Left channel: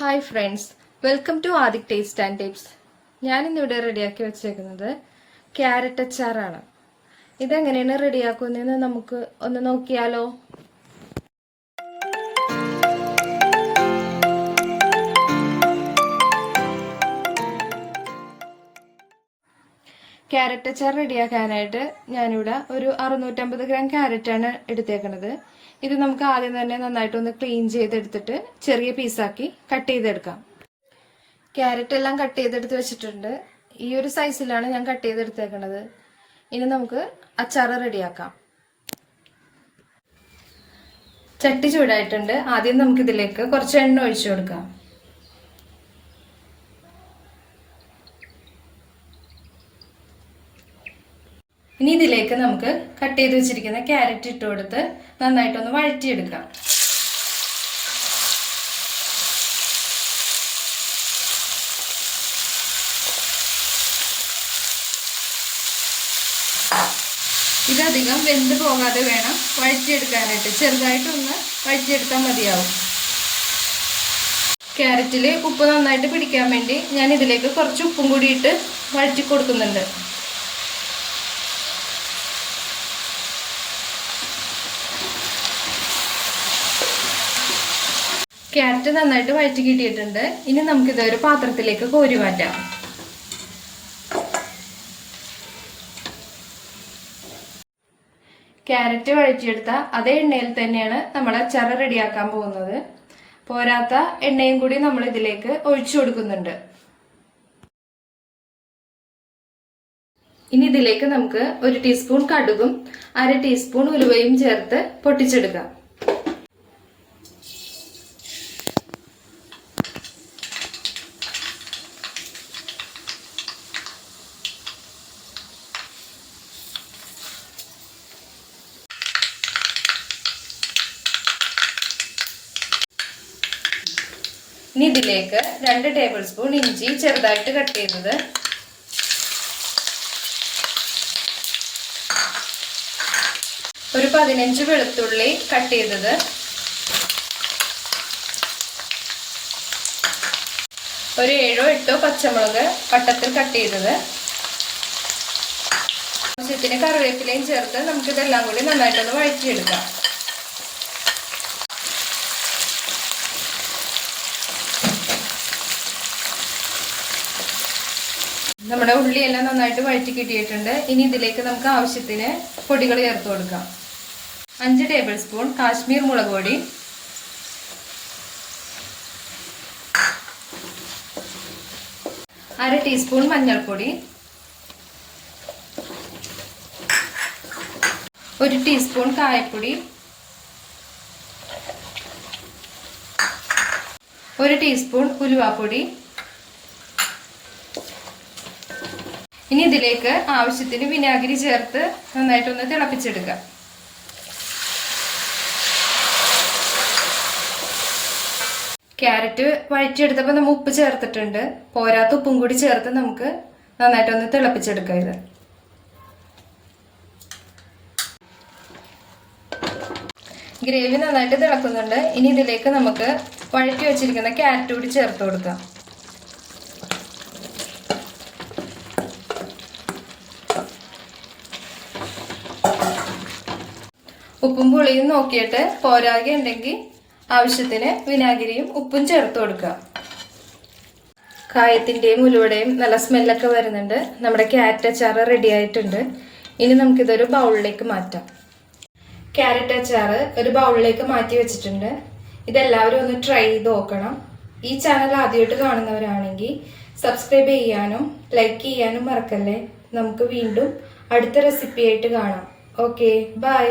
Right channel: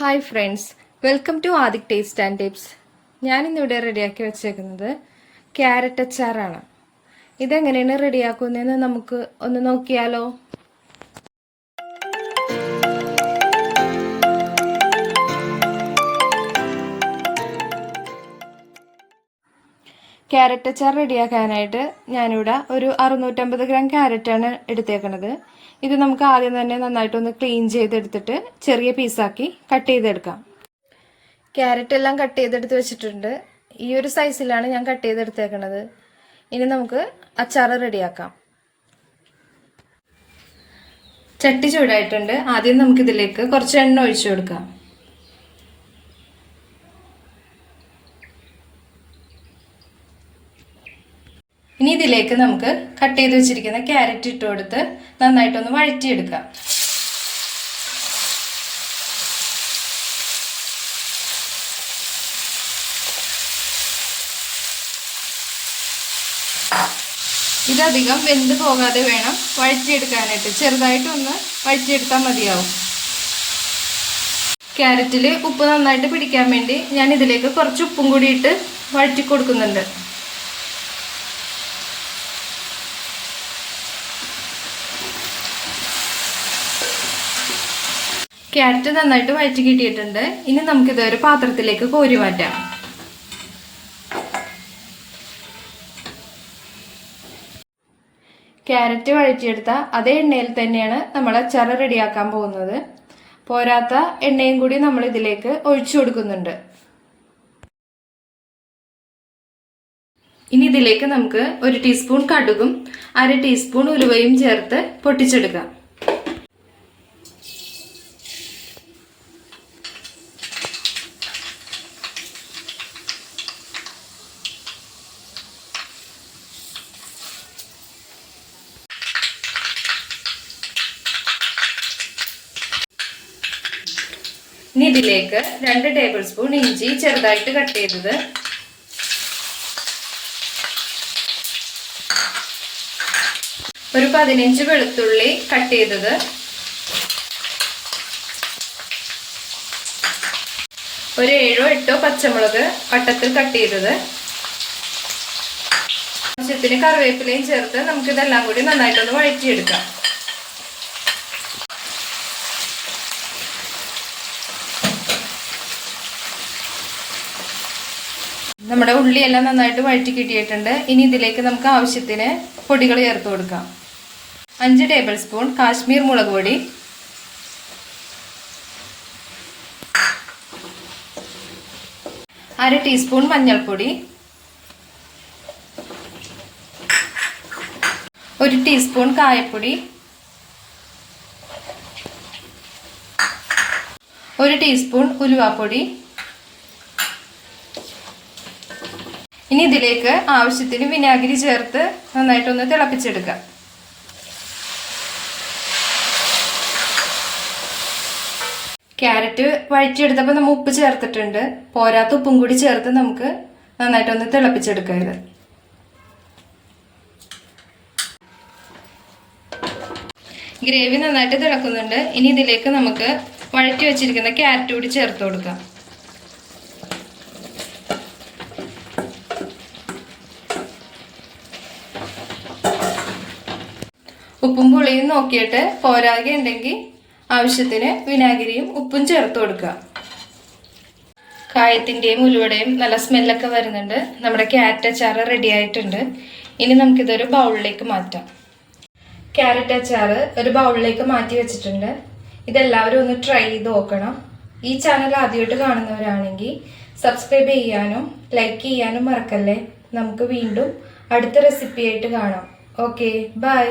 Hi friends welcome to Adhik taste and tips ഞാനിന്നിവിടെ റെഡിയാക്കി വെച്ചേക്കുന്നത് ക്യാരറ്റ് അച്ചാറാണ്. ഇതെങ്ങനെയാണ് റെഡിയാക്കുന്നതെന്ന് നമുക്ക് ഒന്ന് നോക്കിയാലോ? ക്യാരറ്റ് അച്ചാർ റെഡിയാക്കാനായിട്ട് ഞാനിവിടെ ഒരു അറുന്നൂറ്റമ്പത് ഗ്രാം ക്യാരറ്റാണ് എടുത്തേക്കണത്. ഇത് നമുക്ക് ആദ്യം തന്നെ നന്നായിട്ടൊന്ന് ക്ലീൻ ചെയ്തെടുത്തിട്ട് ചെറിയ പീസാക്കി കട്ട് ചെയ്തെടുക്കാം. ക്യാരറ്റ് എല്ലാം കട്ട് ചെയ്തെടുത്ത് വെച്ചിട്ടുണ്ട്. ഈ ഒരു സൈസിലാണ് ഞാൻ കട്ട് ചെയ്തെടുത്തേക്കണത്. ഇനി നമുക്ക് അച്ചാർ റെഡിയാക്കാം. ചട്ടി ചൂടായിട്ടുണ്ട്. ആദ്യം നമുക്കിതിലേക്ക് കുറച്ച് എണ്ണ ഒഴിച്ചു കൊടുക്കാം. ഇനി ഇതിലേക്ക് നമുക്ക് കട്ട് ചെയ്ത് വെച്ചിരിക്കുന്ന ക്യാരറ്റ് ഇട്ട് കൊടുത്ത് നന്നായിട്ടൊന്ന് വഴറ്റിയെടുക്കാം. ഇതധികം വെന്ത് പോകാതെ വേണം വഴറ്റിയെടുക്കാനായിട്ട്. ചെറുതായിട്ടൊന്ന് വഴറ്റിയെടുത്താൽ മതിയാവും. ക്യാരറ്റിൽ ഉപ്പ് നന്നായിട്ട് പിടിക്കാൻ വേണ്ടി ഞാൻ ഇതിലേക്ക് കുറച്ച് ഉപ്പും കൂടിയിട്ട് വഴറ്റി കൊടുക്കുന്നുണ്ട്. ക്യാരറ്റ് നന്നായിട്ട് വഴറ്റി കിട്ടിയിട്ടുണ്ട്. ഇനി നമുക്കിത് ഒരു പാത്രത്തിലേക്ക് കോരി മാറ്റാം. ക്യാരറ്റ് വഴറ്റിയെടുത്ത അതേ എണ്ണയിൽ തന്നെയാണ് നമ്മൾ അച്ചാർ റെഡിയാക്കാൻ പോകുന്നത്. പോരാത്ത എണ്ണയും കൂടി നമ്മൾ ഇതിലേക്ക് ഒഴിച്ചു കൊടുക്കുന്നുണ്ട്. ഇനി ഇതിലേക്ക് നമുക്ക് ഒരു ടീസ്പൂൺ കടുകും അര ടീസ്പൂൺ ഉലുവയും ചേർത്ത് പൊട്ടിച്ചെടുക്കാം. ഇനി ഇതിലേക്ക് രണ്ട് ടേബിൾ സ്പൂൺ ഇഞ്ചി ചെറുതായിട്ട് കട്ട് ചെയ്തത്. ഒരു പതിനഞ്ച് വെളുത്തുള്ളി കട്ട് ചെയ്തത്. ഒരു ഏഴോ എട്ടോ പച്ചമുളക് വട്ടത്തിൽ കട്ട് ചെയ്തത്. ആവശ്യത്തിന് കറിവേപ്പിലയും ചേർത്ത് നമുക്കിതെല്ലാം കൂടി നന്നായിട്ടൊന്ന് വഴറ്റിയെടുക്കാം. നമ്മുടെ ഉള്ളിയെല്ലാം നന്നായിട്ട് വഴറ്റി കിട്ടിയിട്ടുണ്ട്. ഇനി ഇതിലേക്ക് നമുക്ക് ആവശ്യത്തിന് പൊടികൾ ചേർത്ത് കൊടുക്കാം. അഞ്ച് ടേബിൾ സ്പൂൺ കാശ്മീർ മുളക് പൊടി. അര ടീസ്പൂൺ മഞ്ഞൾപ്പൊടി. ഒരു ടീസ്പൂൺ കായപ്പൊടി. ഒരു ടീസ്പൂൺ ഉലുവാപ്പൊടി. ഇനി ഇതിലേക്ക് ആവശ്യത്തിന് വിനാഗിരി ചേർത്ത് നന്നായിട്ടൊന്ന് തിളപ്പിച്ചെടുക്കുക. ക്യാരറ്റ് വഴറ്റിയെടുത്തപ്പോൾ നമ്മൾ ഉപ്പ് ചേർത്തിട്ടുണ്ട്. പോരാത്ത ഉപ്പും കൂടി ചേർത്ത് നമുക്ക് നന്നായിട്ടൊന്ന് തിളപ്പിച്ചെടുക്കാം ഇത്. ഗ്രേവി നന്നായിട്ട് തിളക്കുന്നുണ്ട്. ഇനി ഇതിലേക്ക് നമുക്ക് വഴറ്റി വെച്ചിരിക്കുന്ന ക്യാരറ്റ് കൂടി ചേർത്ത് കൊടുക്കാം. ഉപ്പും പുളിയും നോക്കിയിട്ട് പോരാകെ ഉണ്ടെങ്കിൽ ആവശ്യത്തിന് വിനാഗിരിയും ഉപ്പും ചേർത്ത് കൊടുക്കുക. കായത്തിന്റെയും ഉലുവടയും നല്ല സ്മെല്ലൊക്കെ വരുന്നുണ്ട്. നമ്മുടെ ക്യാരറ്റ് അച്ചാർ റെഡി ആയിട്ടുണ്ട്. ഇനി നമുക്കിതൊരു ബൗളിലേക്ക് മാറ്റാം. ക്യാരറ്റ് അച്ചാർ ഒരു ബൗളിലേക്ക് മാറ്റി വെച്ചിട്ടുണ്ട്. ഇതെല്ലാവരും ഒന്ന് ട്രൈ ചെയ്ത് നോക്കണം. ഈ ചാനൽ ആദ്യമായിട്ട് കാണുന്നവരാണെങ്കിൽ സബ്സ്ക്രൈബ് ചെയ്യാനും ലൈക്ക് ചെയ്യാനും മറക്കല്ലേ. നമുക്ക് വീണ്ടും അടുത്ത റെസിപ്പി ആയിട്ട് കാണാം. Okay bye